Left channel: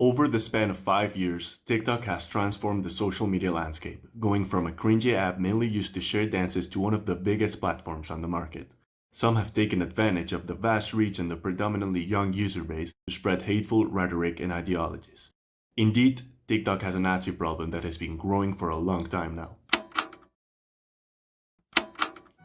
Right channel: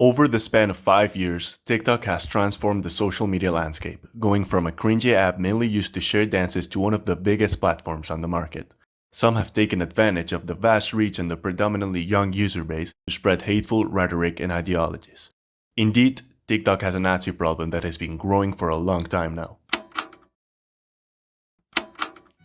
Over the span of 5 years, TikTok has transformed the social media landscape, going from a cringy app mainly used to share dances to one of the biggest platforms on the market. Some have taken advantage of the vast reach and the predominantly young user base to spread hateful rhetoric and ideologies. Indeed, TikTok has a Nazi problem that has been growing for a long time now.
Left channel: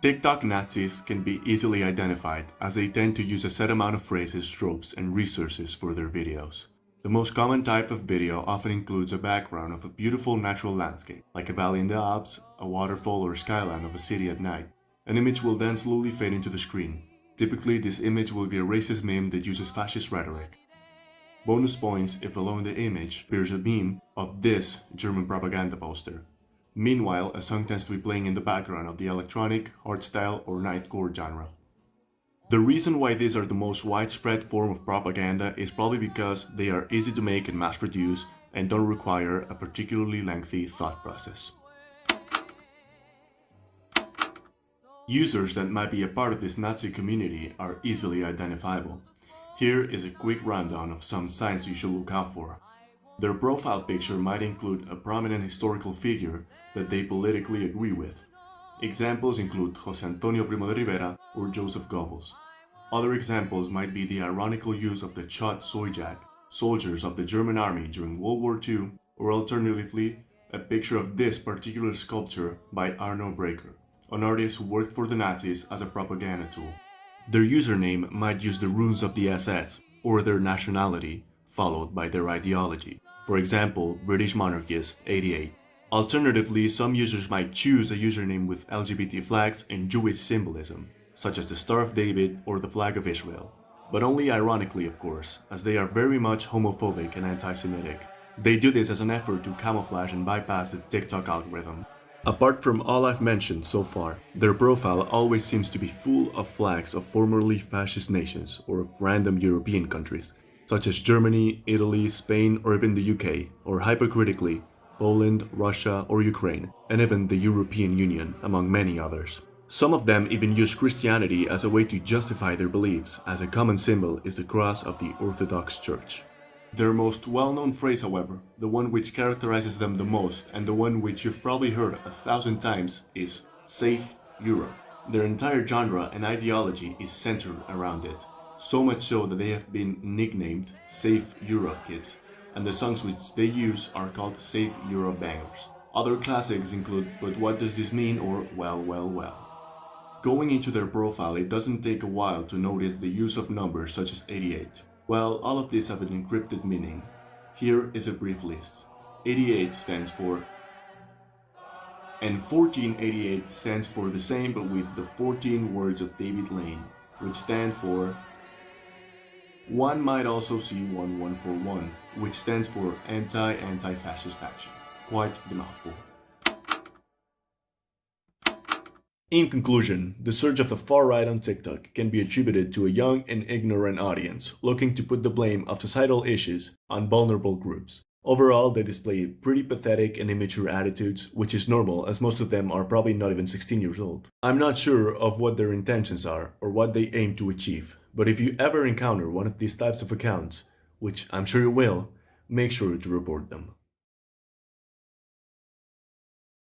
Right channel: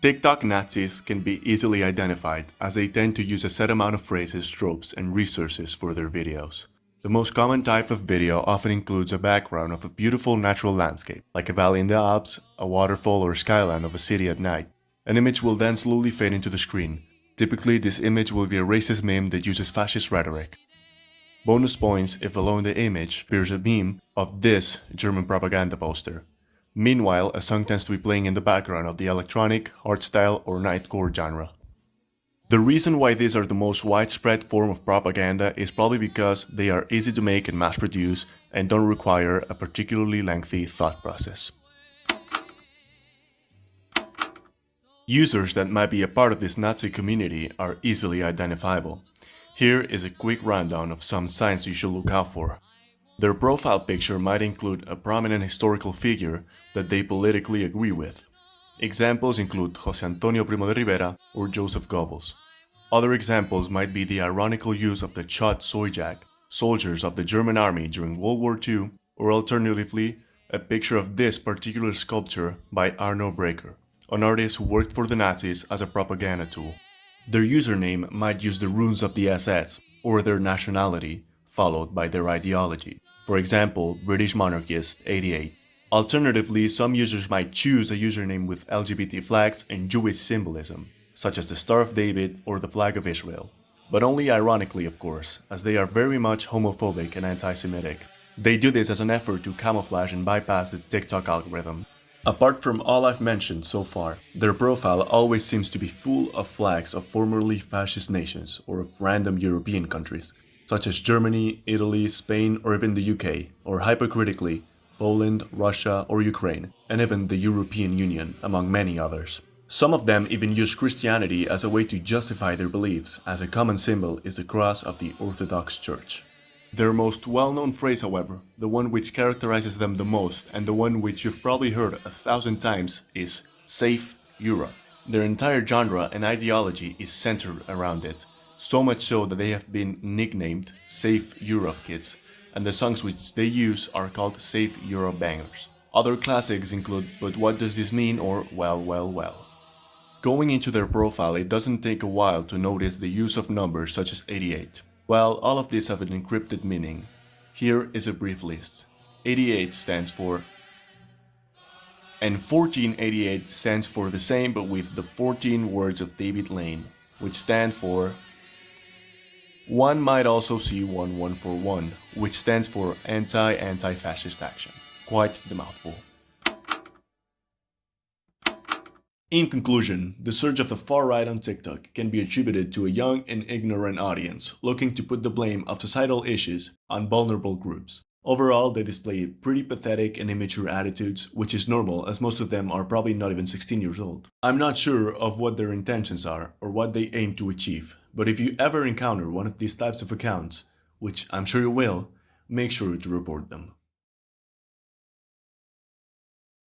TikTok Nazis can be easily identified as they tend to use a set amount of phrases, tropes, and resources for their videos. The most common type of video often includes a background of a beautiful natural landscape, like a valley in the Alps, a waterfall, or skyline of a city at night. An image will then slowly fade into the screen. Typically, this image will be a racist meme that uses fascist rhetoric. Bonus points if below the image appears a meme of this German propaganda poster. Meanwhile, a song tends to be playing in the background of the electronic, hardstyle, or nightcore genre. The reason why these are the most widespread form of propaganda is probably because they are easy to make and mass produce and don't require a particularly lengthy thought process. Users that might be a part of this Nazi community are easily identifiable. Here is a quick rundown of some signs you should look out for. Their profile picture might include a prominent historical figure that they politically agree with. Examples include José Antonio Primo de Rivera or Joseph Goebbels. Other examples might be the ironical use of the Chod Sojak, soldiers of the German army during World War II, or alternatively, a picture of this particular sculpture by Arno Breker, an artist who worked for the Nazis as a propaganda tool. Their username might use the runes of the SS or their nationality, followed by their ideology. For example, British Monarchist 88. Alternatively, some users might choose a username with LGBT flags and Jewish symbolism, such as the Star of David or the flag of Israel. But only ironically, of course, as they are very much homophobic and anti-Semitic. They do this as an effort to camouflage and bypass the TikTok algorithm. Apart from all I've mentioned so far, their profile always seems to be full of flags of formerly fascist nations or of random European countries, such as Germany, Italy, Spain, or even the UK, or hypocritically, Poland, Russia, or Ukraine, and even the European Union, among many others. Some of them even use Christianity as a way to justify their beliefs, as a common symbol is the cross of the Orthodox Church. Their most well-known phrase, however, the one which characterizes them the most, and the one which you've probably heard 1,000 times, is Save Europe. Their entire genre and ideology is centered around it. So much so that they have been nicknamed Save Europe Kids, and the songs which they use are called Save Europe bangers. Other classics include But What Does This Mean or Well, Well, Well. Going into their profile, it doesn't take a while to notice the use of numbers such as 88. While all of these have an encrypted meaning, here is a brief list. 88 stands for, and 1488 stands for the same but with the 14 words of David Lane, which stand for. One might also see 1141, which stands for Anti-Fascist Action. Quite the mouthful. In conclusion, the surge of the far right on TikTok can be attributed to a young and ignorant audience looking to put the blame of societal issues on vulnerable groups. Overall, they display pretty pathetic and immature attitudes, which is normal as most of them are probably not even 16 years old. I'm not sure of what their intentions are or what they aim to achieve, but if you ever encounter one of these types of accounts, which I'm sure you will, make sure to report them.